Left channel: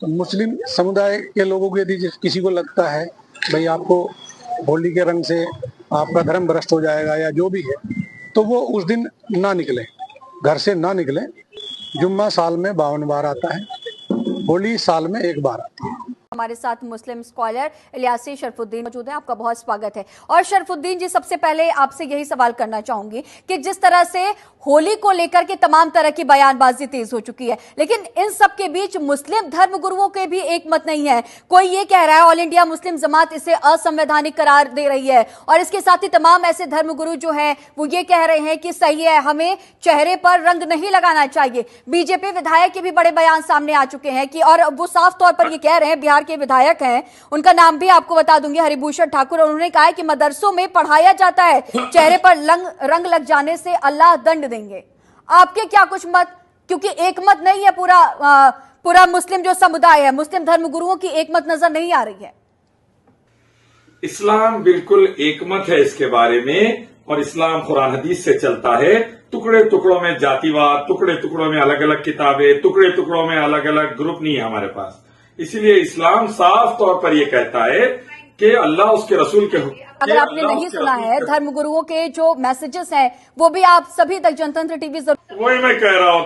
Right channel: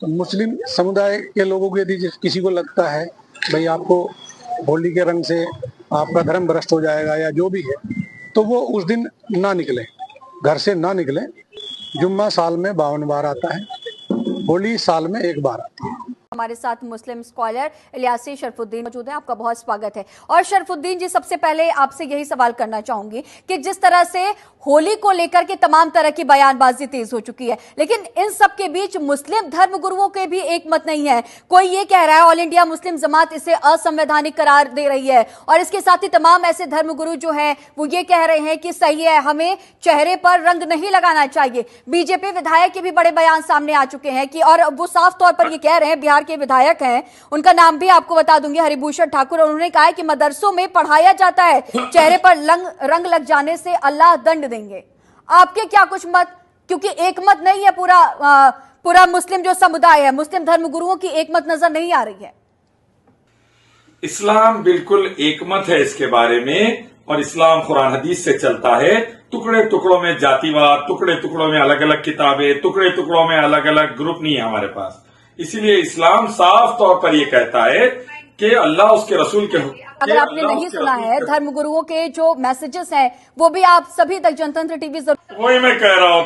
तो मुस्लिम समुदाय के लोगों को यदि किसी को लगता है भाई आपको होली के रंग से आपका धर्म भ्रष्ट हो जाएगा या जो भी है, तो वो उस दिन ना निकले, घर से ना निकले। जुम्मा साल में 52 बार आता है, होली साल में एक बार आती है। हमारे साथ मुस्लिम स्कॉलर इलियासी शरफुद्दीन मौजूद हैं। आपका बहुत स्वागत है। और शरफुद्दीन जी, सबसे पहले आपसे यही सवाल करना चाहूंगी कि जिस तरह से होली को लेकर के तमाम तरह की बयानबाजी तेज हो चुकी है, लेकिन इन सब के बीच मुस्लिम धर्मगुरुओं के भी एक मत नहीं है। कोई ये कह रहा है ऑल इंडिया मुस्लिम जमात इसे असंवैधानिक करार दे रही है, और इसके साथ ही तमाम ऐसे धर्मगुरु जो हैं वो ये कह रहे हैं कि सही है, हमें चेहरे पर रंग नहीं लगाना चाहिए। बीजेपी विधायक के भी बड़े बयान सामने आ चुके हैं कि, और वो साफ तौर पर ये कह रहे हैं, बिहार के विधायक हैं, उनका नाम भी आपको बता दूंगी, हरिभूषण ठाकुर, और उन्होंने कहा है कि मदरसों में पढ़ाया जाता है चेहरे पर रंग लग जाने से अल्लाह दंड देंगे। आपके क्या कुछ मत, क्योंकि एक मत नहीं है पूरा मुस्लिम जो समुदाय है, मुस्लिम धर्मगुरुओं की एक मत नजर नहीं आ रही है। इस्लाम बिल्कुल एक मत है इसके बारे में, और इस्लाम कुरान हदीस से चलता है। टुकड़े टुकड़ों में जातिवाद, टुकड़े टुकड़ों में अलग अलग किताबें, टुकड़े टुकड़ों में अलग अलग ग्रुप नहीं है हमारे पास। इसीलिए इस्लाम साफ तौर पर यह कहता है कि अल्लाह उसके रसूल के अगर आपने नहीं सुना है, धर्मगुरुओं के जो मैसेजेस हैं वो भी आप सभी तक जनतंत्र टीवी वही मैं कह रहा हूँ,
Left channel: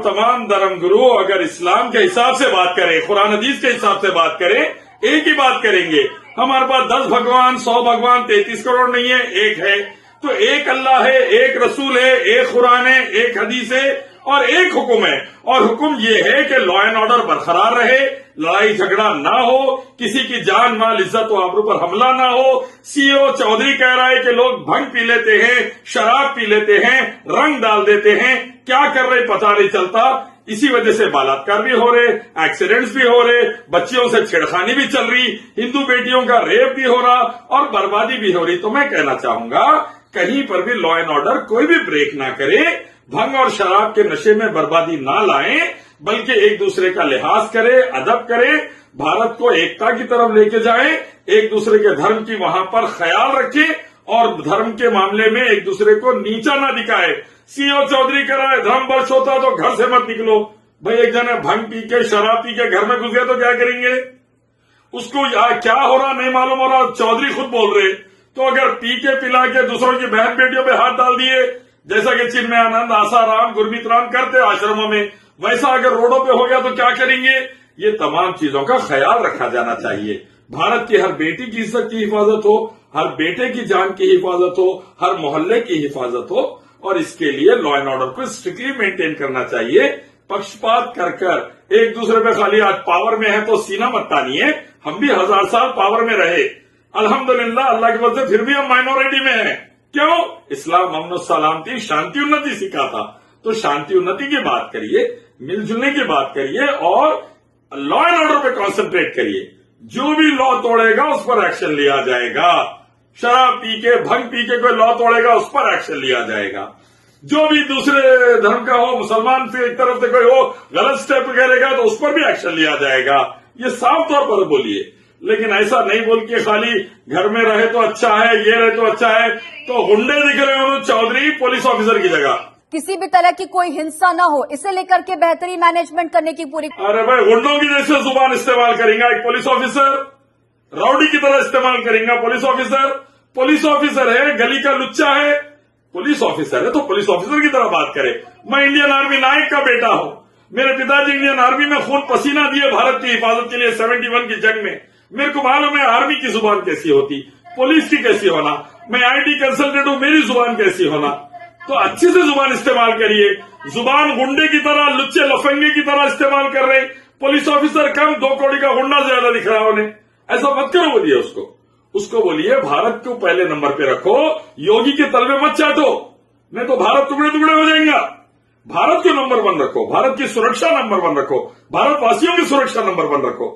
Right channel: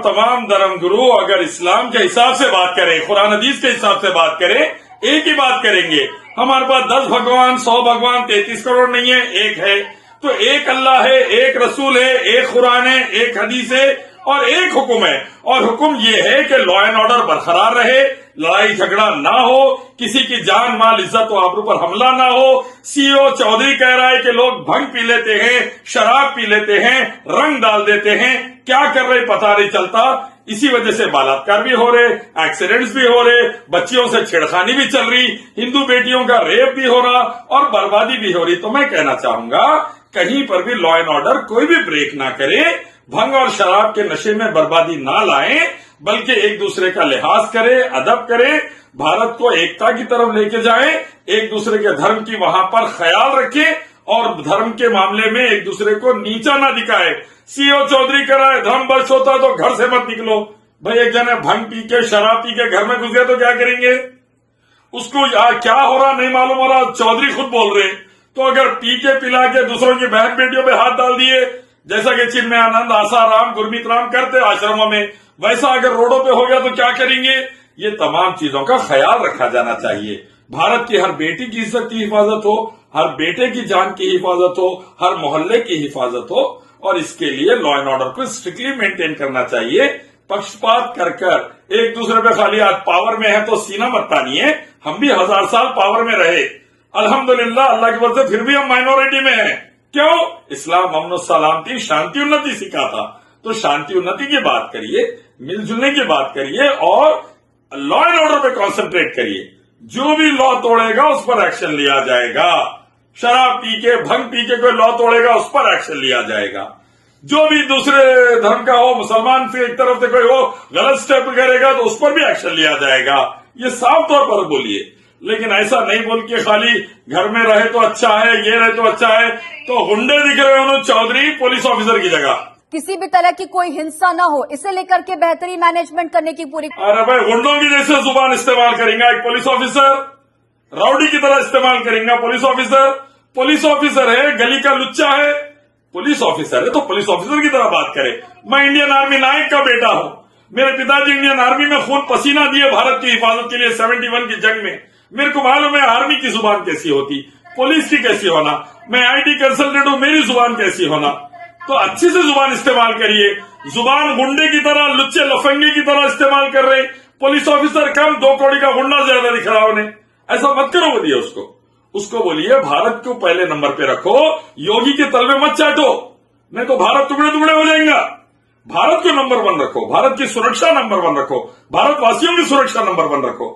तमाम धर्मगुरु अगर इस्लाम के हिसाब से बात करें, कुरान हदीस के हिसाब से बात करें, एक ही बात करेंगे। हमारे पास 10 भगवान, 100 भगवान, 33 करोड़ नहीं है, एक है। तो एक अल्लाह है, एक रसूल है, एक कुरान है, एक हदीस है और एक हुक्म है। और हुक्म ये है कि लॉ एंड ऑर्डर बरकरार रहे, लड़ाई झगड़ा ना हो, किसी की जान माल इज्जत व आबरू पर हमला ना हो। सीओ चौधरी कह रहा है कि लोग भंग पी लेते हैं, शराब पी लेते हैं, रंग डाल देते हैं, क्या कर रहे पता नहीं चलता। इसी वजह से बलात्कार भी हो रहे, एक्सीडेंट्स भी हो रहे, बच्चियों से छेड़खानी भी चल रही, हिंदू बेटियों का रेप भी हो रहा और बर्बादी भी हो रही। तो मैं कहना चाहूंगा कहीं पर भी लॉ एंड ऑर्डर कोई भी ब्रेक ना करे, भंग और शराब के नशे में बर्बादी ना लाएं, बल्कि एक दूसरे का लिहाज करे, अदब करे, भारत को एकता की तरफ लेके जाए, एक दूसरे के धर्म की वहां पर ख्याल रखे और धर्म के मामले में एक दूसरे को नीचा ना दिखाए। सीओ चौधरी कह रहा है धर्म भ्रष्ट होता है तो घर से मत निकलो। भाई एक जने भंग पी के शराब पी के घर में घुस गए तो क्या करेंगे? उसको क्या हो रहा नहीं मालूम हो रहा, चौधरी खुद बोल रहे। तो अगर पी के पिला के दूसरों की बहन बेटियों पे हाथ डाल दिए, जैसा कि चिन्मयानंद, आसाराम, गुरमीत राम करते आश्रमों में, वैसा अगर रोडों पे हो गया तो क्या करेंगे? ये तमाम चीजों का ख्याल रखा जाना चाहिए। भारत की हर बेटी की इज्जत की हिफाजत हो, हर बेटे की जान की हिफाजत हो, हर मोहल्ले की हिफाजत हो, और इसके लिए लॉ एंड ऑर्डर को स्ट्रिक्टली मेंटेन करना चाहिए। पक्षपात कर एक दूसरे पे खाली आज पावर में है तो सीना मत तानिए। हम भी 1000 साल पावर में रहे, अल्हम्दुलिल्लाह, अल्लाह की वजह से फिर भी हम माइनॉरिटी में हैं। क्यों? इस्लाम अमन सलामती, शांति उन्नति सिखाता। तो शांति उन्नति की बात करिए, मिलजुलने की बात करिए और लॉ एंड ऑर्डर पे कॉन्सेंट्रेट करिए। जो भी लॉ तोड़ेगा उस पर एक्शन लिया जाएगा। शराब पी के, भंग पी के कोई लॉ तोड़ेगा उस पर एक्शन लिया जाएगा। जो भी दूसरे धर्म का हो, मुसलमान से एक तरफ से कोई हो, गलत स्टेप करेगा तो उस पर भी एक्शन लिया जाएगा। ये साफ तौर पर बोलिए, लेकिन ऐसा नहीं बोल के खाली घर में रहे तो अच्छा है, ये रहे तो अच्छा है। तो गुंडे दिख रहे हो चौधरी पुलिस ऑफिसर की जगह। किसी भी तरह की कोई हिंसा ना हो, इसे लेकर के बेहतरीन मैनेजमेंट करने की पूरी। अरे भाई, गुंडों की जैसे जुबान इस्तेमाल करेंगे एक पुलिस ऑफिसर, राउडी की तरह इस्तेमाल करेंगे पुलिस ऑफिसर है, गली का लुच्चा है, पुलिस ऑफिसर है तो पुलिस ऑफिसर की तरह बात करे। मैं इंडियन आर्मी नायक का बेटा हूं, मेरे पिताजी इंडियन आर्मी में खून पसीना दिए भारत की हिफाजत के लिए 71 की जंग में। मेरे को मालूम है आर्मी की जुबान कैसी होती, पुलिस की कैसी होना। मैं IT कंसल्टेंट हूं, मेरी जुबान कैसी होना। तो अच्छी से जुबान इस्तेमाल करिए। जुबान गुंडे की तरह, लुच्चे लफंगे की तरह इस्तेमाल कर रहे, पुलिस ऑफिसर कम, 2 करोड़ का गुंडा ज्यादा दिख रहा उन्हें। ऐसा मत करो, बोलिए उसको बोलिए भारत को पहले नंबर पे रखो, योगी के तलवे मत चाटो, नहीं तो भारत टुकड़े टुकड़े हो जाएगा। भारत को नंबर 1 रखो, भारत की सुरक्षा नंबर 1 रखो, भारतवासियों की सुरक्षा नंबर 1 रखो।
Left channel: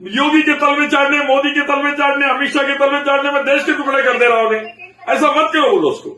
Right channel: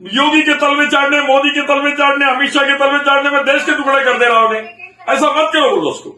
योगी के तलवे चाटने, मोदी के तलवे चाटने, अमित शाह के तलवे चाटने में देश के टुकड़े कर दे रहा उन्हें। ऐसा मत करो दोस्तों।